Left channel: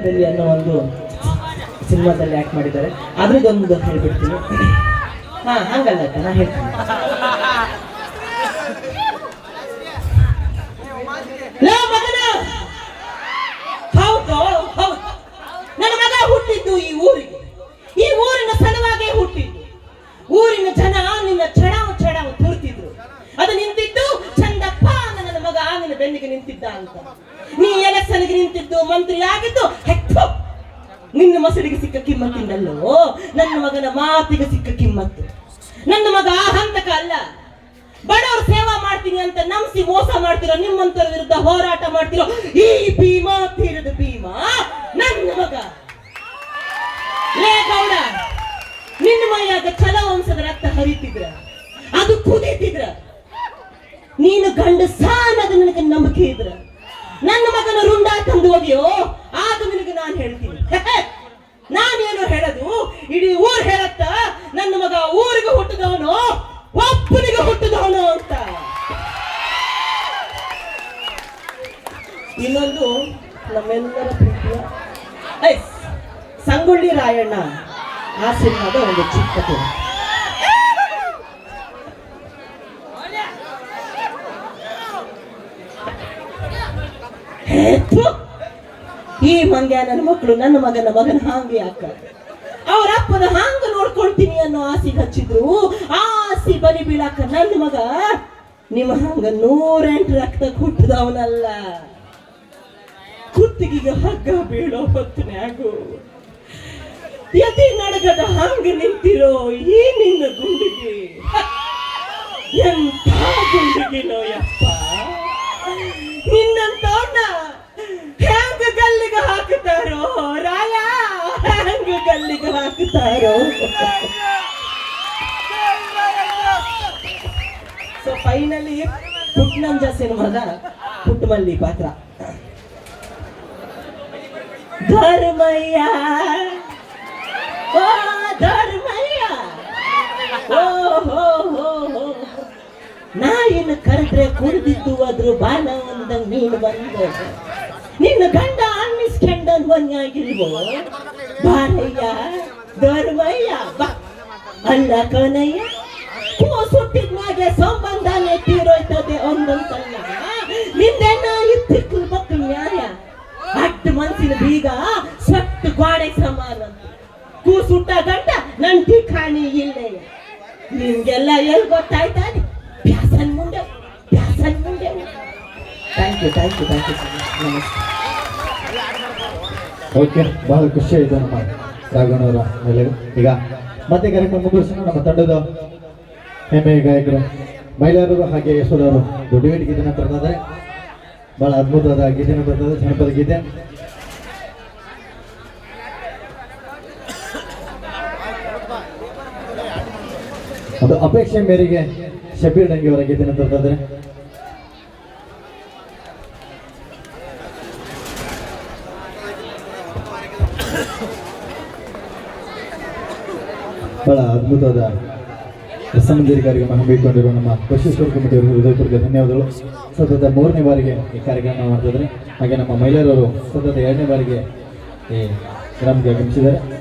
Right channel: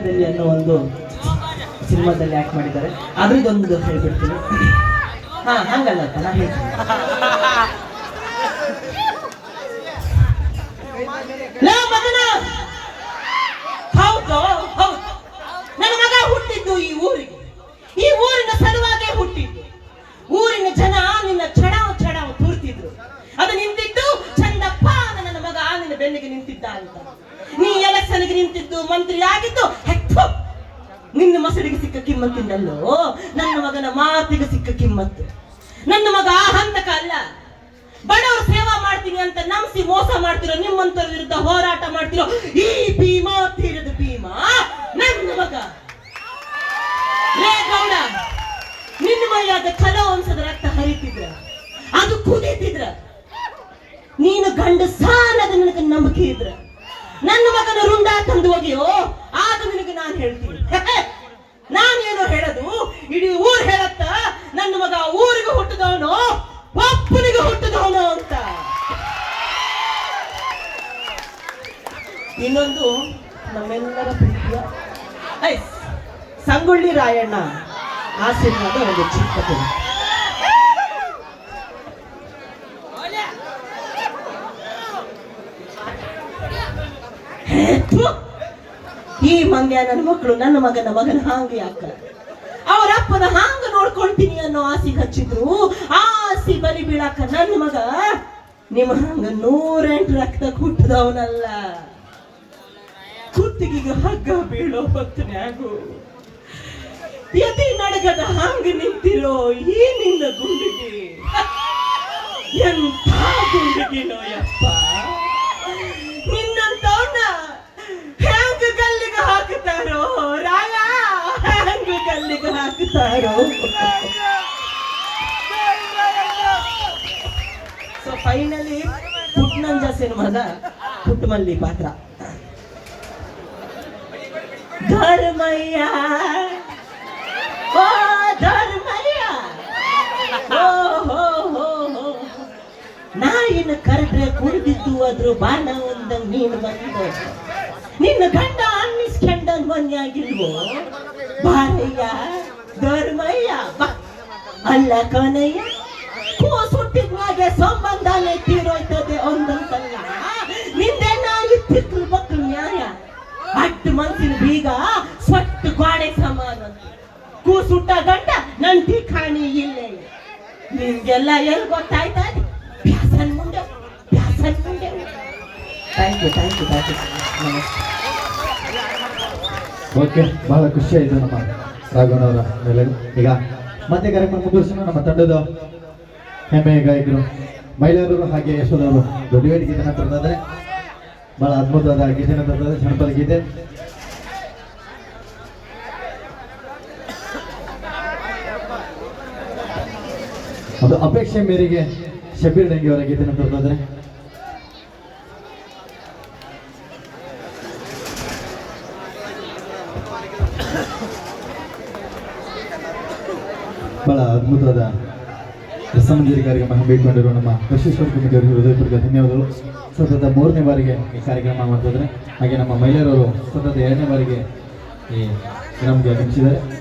ಹೋರಾಟದಲ್ಲಿ ಅನ್ನೋ ಒಂದು ಸಿನಿಮಾದಲ್ಲಿ ಆಕ್ಟ್ ಮಾಡಿದ್ದಾರೆ. ಅದ್ರದ್ದೊಂದು ಹೇಳ್ಬಿಡ್ತೀನಿ ಹಾ, ಹಂಗಲ್ಲ ನಾನು ಹೇಳ್ತೀನಿ. ನನ್ನ ಮಗ ಹುಟ್ಟಿದ್ದು ಈ ಊರಿಗೆ. ಈ ಊರಿನ ಸಲುವಾಗೇ ಹುಟ್ಟಿದ್ದು. ಊರಿನ ಜನ ನಿನ್ನ ಚಡವ ಚಡವ ತುರ್ತಿದ್ರು. ಅದು ನಿಂತಿದ್ದು ಚಂದಪ್ಪ ನನ್ನ ಮಗ ನಿನ್ನ ಬೆನ್ನಿಗೆ ನಿಂತಿದ್ದ ಅಂತ. ನೀ ಎಲೆಕ್ಷನ್ಗೆ ನಿಂತಿದ್ದು ಮಂತ್ರಿ ಆಗಿದ್ದು ಮಸಡಿಗೆ ಸಿಕ್ಕ ಕಿಮ್ಮತ್ತಿಂದಲ್ಲೋ ನನ್ನ ಮಗನ ಮಾತಿಗೆ ಸಿಕ್ಕ ಕಿಮ್ಮತ್ತು. ನನ್ನ ಮಗ ಹಂತಕ ಅಲ್ಲ. ಬಡವರು ಸೇವಾ ಮಾಡ್ತೀನಿ ಅಂತ ನಂಬಿಸಿ ಮೋಸ ಮಾಡ್ತಿರೋ ನಿಮ್ಮಂತರ ವಿರುದ್ಧ ಹೋರಾಟ ಮಾಡ್ತಿರೋ ಈ ಭೀಮಾ ತೀರದ ಭೀಮಾ, ನನ್ನ ಮಗ. ಲೇ ಗೌಡ, ನಿನ್ನ ಮೈಯಾದ ಛಲ ವಂಶದ ರಕ್ತ ಹರಿತಿದ್ರ? ಅದು ಕುದೀತಿದ್ರ? ನೀನು ಗಂಡ ಸಾನದ ನನಗೆ ನಂಬಿಕೆ ಇದ್ರ? ನನ್ನ ಮಗನ ರುಂಡ ತಂದು ಹೋಗಿಯೋ ಆಗ ನಿನಗೆ ನಾನು ಹೇಳ್ತೀನಿ. ಇಡೀ ಊರು ಹೇಳತ್ತ ನನ್ನ ಮಗ ಊರಿಗೆ ಹುಟ್ಟಿದವನು ಒಬ್ಬನಿಗೆ ಹುಟ್ಟಿದವನು ಅಂತ. ಇನ್ನೊಂದು ನಮ್ಮೆಲ್ಲರ ಪ್ರೀತಿಯ ಸಂಗೊಳ್ಳಿ ರಾಯಣ್ಣ ಆ ಸಿನಿಮಾದ ಒಂದು ಚಿಕ್ಕ ಕಥೆ. ಹೇ, ಈ ಮಂಗ್ಯ ನನ್ನ ಮಕ್ಕಳು ನನ್ನ ಮಗನ ಮಗನ ಹಾಂಗೆ ಯಾಕ ಅವ್ರ ಅಪ್ಪನ ಹಾಂಗ ನೋಡ್ಕೊಳ್ತೀನಿ ಅನ್ನೋ ಆಸೆ ಹಚ್ಚಿದ್ರು ಆ ಆಸೆ ಬಲಿ ಬೀಳಾಕ ನನ್ನ ಮಗ ನಿಮ್ಮ ಹಂಗ ನೂರೆಂಟು ರಕ್ತ ಹುಟ್ಟದವನಲ್ಲ ಕುತ್ತಿಗೆ ಹಗ್ಗ ಬೀಳೋ ಹೊತ್ತನ್ಯಾಗು ಯತಿ ನಡಗದ ಹಂಗ ನಿಂತಿರೋ ಈ ನಿನ್ನ ಗುಂಡಿಗೆ? ಎಂಥ ಗುಂಡಿಗಿನೋ ಯಪ್ಪ ನಿನ್ನಂತವನ್ನ ಹೆಂಗ ಗಲ್ಲಿಗೆ ಹಾಕುತ್ತಾರೋ ರಾಯ ಗಲ್ಲಿಗೆ ಹಾಕುತ್ತಾರೋ ಸೊ ಫೈನಲಿ ಪುಟ್ನಂಜ ಸಿನಿಮಾದ ಪುಟ್ಟಮಲ್ಲಿ ಪಾತ್ರ. ಧರ್ಮಯ್ಯ. ಓ ಧರ್ಮಯ್ಯ. ಓ, ಹೋ ಹೋ ಹೋ. ನಾಯಿನ ಕರೆದ್ರೆ ಕುಡಿದಿದ್ದು ಅದ್ರ ಬಾಣ ಒಂದಂಗ್ ನೀನು ಬಂದ. ನಿನ್ನ ಗಂಡ ಅನ್ನಿಸ್ಕೊಂಡನ್ ಒಂದಾಗಿಲ್ವೋ ಬಾರಯ್ಯ ಧರ್ಮಯ್ಯ ಅಲ್ಲ ಕನಯ್ಯ ಕೂ ಸುಟ್ಟಿದ್ಮಾಗೆ ಸಂಬಂಧನೇ ತೀರೋಯ್ತದೆ ಒಂದೊಂದಲ್ಲ ನಿಂದೆ ನಾಯಿ ತಿಕ್ಕಲ್ ಬಕ್ಕಲ್ ನ್ಯಾಯ ಅಡ್ಡ ಮನಸ್ಸಿನ ಬೀಗ, ಸ್ವಟ್ಟು ಗೋಡೆ ಸಮಾನ. ಕೂ ಸುಟ್ಟ ಗಂಡ, ನಂಟಿ ಕಾಣಿ ಇಲ್ಲೇ. ನಿಮ್ಗೆಲ್ಲ ಎಲ್ಲಿ ಗೊತ್ತಾಯ್ತಾನೆ ಪ್ಯಾಸನ್ ಮುಂದೆ ಪ್ಯಾಸನ್ ಮುಂದೆ. Thank you thank you thank you ನಮಸ್ತೆ. ಓಕೆ, ಬಹಳ ಖುಷಿ ಆಯ್ತು ನಮ್ಮ ರಾಘವನವರ ಮೇಲೆ. ಈಗ ಮತ್ತೆ ಕಾರ್ಯಕ್ರಮ ಮುಗಿಸೋಣ ನಮ್ಮ ತಂಡದ ಹೆಮ್ಮೆಯ ಗಾಯಕರು, ಮಹಿಳೆಯರು ಹಾಗೆ ಯಶೋದವರು ದುಡಿವೇಟ್ ಗೀತೆನ ತರ್ತಾರೆ ಬಹಳ ಅದ್ಭುತವಾದ ಗೀತೆನ ತರ್ತಾರೆ ಜನಪದ ಗೀತೆ. ಒಂದು ಅಪೇಕ್ಷೆ ಮೇರೆಗೆ ಶಬೀರ್ ಡಂಗಿ ಅವರ ಗೀತೆನ ತರ್ತಾರೆ ಬಹಳ ಅದ್ಭುತವಾದ ರಸಮಂಜರಿ ಕಾರ್ಯಕ್ರಮ ಬೇಕೊಂಡಿರುವ ನಮ್ಮ ಬಸವೇಶ್ವರ ಕಮಿಟಿಯವರಿಗೆ ಹೃದಯಪೂರ್ವಕ ಧನ್ಯವಾದಗಳು. ಸತತ ಮೂರನೇ ಬಾರಿಗೆ ಈ ಕಾರ್ಯಕ್ರಮ ಮಾಡ್ತಿದ್ದಾರೆ. ಹಾಗೆ ನಮ್ಮ ಮಹಿಳೆಯರವರು ಸತತ ಎರಡನೇ ಬಾರಿಗೆ ಈ ಗ್ರಾಮಕ್ಕೆ ಆಗಮಿಸಿದ್ದಾರೆ.